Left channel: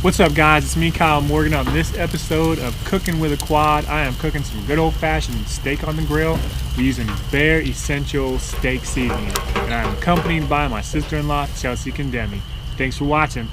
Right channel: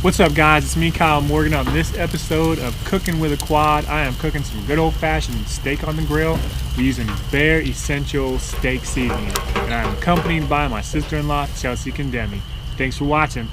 What's up, guys? It's me, Kyle Morgan. On this episode of Cooking with a Quad, I am cooking some good old-fashioned steak on the grill. We're using Bare Essential steak seasoning, and I am accompanied by my sister-in-law, Chelsea Condemi. Thanks for watching.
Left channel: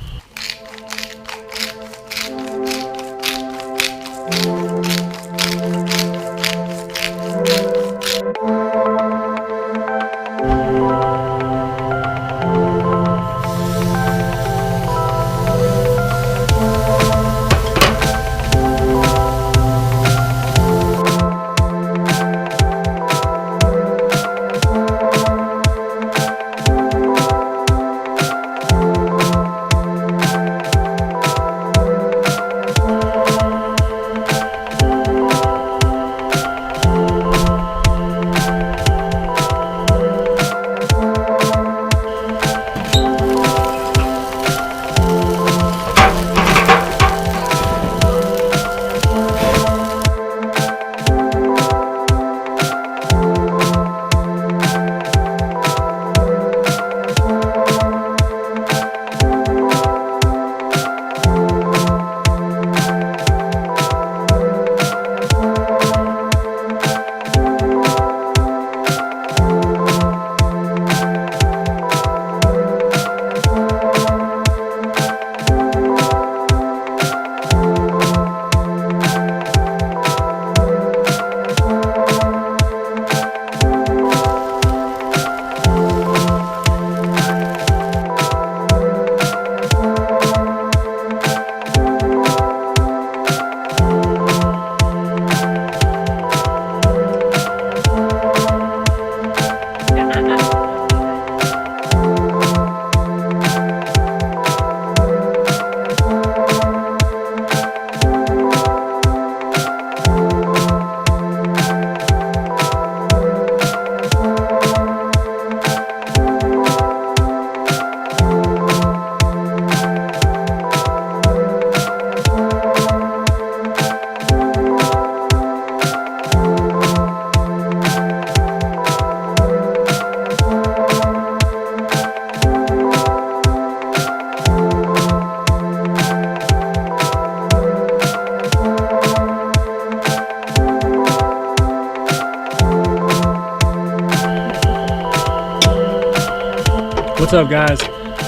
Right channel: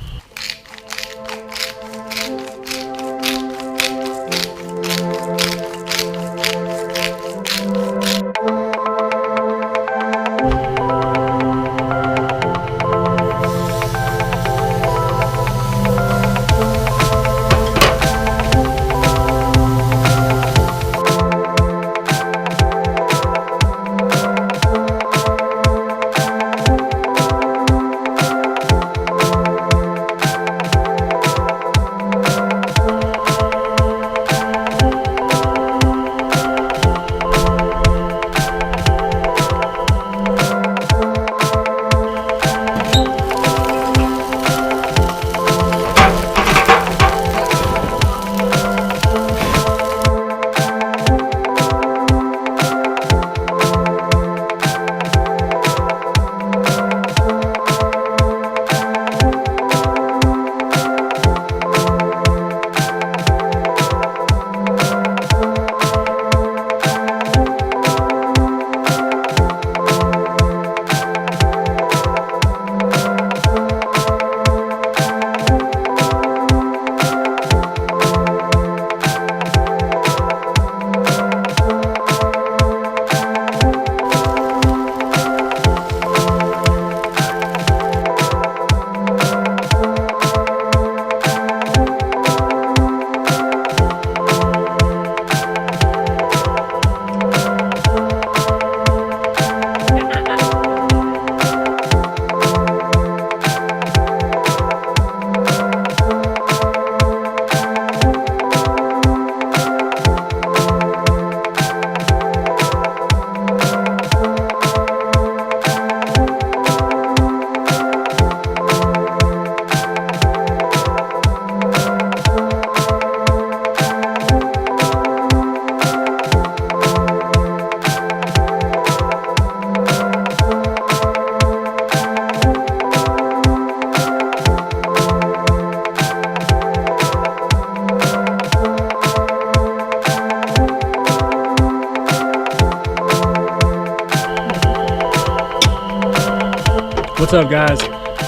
What's up, guys?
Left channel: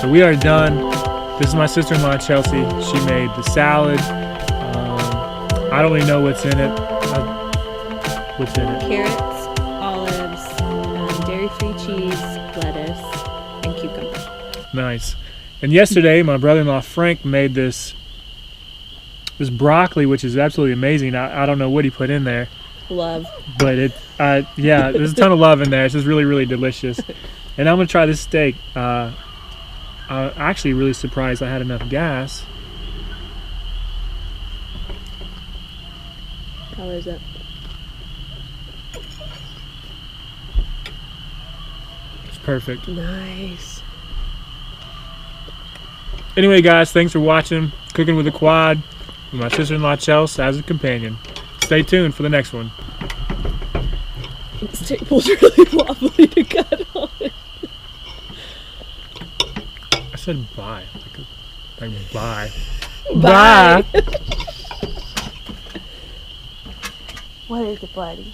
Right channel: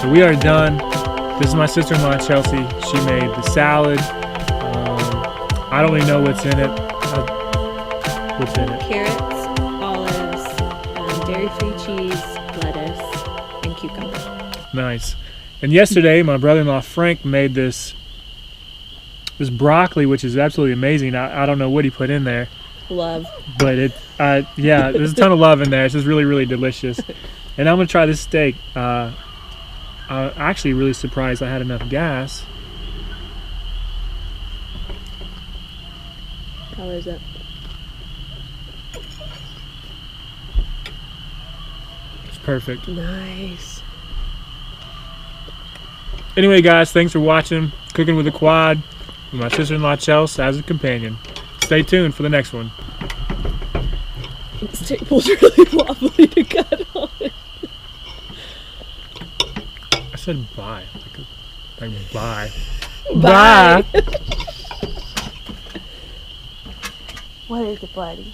So we are done. This is my sister-in-law, Chelsea. She made the salad. I don't really know what's in it. What's in it? Carrots, olives, dairy-free cheese, lettuce, and cucumber. Nice. And yesterday, my brother-in-law Frank made this broccoli, which is absolutely amazing. I don't know what he put in there. Love. But yeah, there's a ton of love in there. It's just really, really delicious. And I'm gonna try this steak. I'm actually really surprised I had enough gas. How is it? It's perfect. Nice. Anyway, guys, thanks for watching Cooking with a Quad with my sister-in-law Chelsea as a companion. Stay tuned for the next one. This table's really wobbly to cut on. I said bye. Like bye. Bye. What is it, buddy?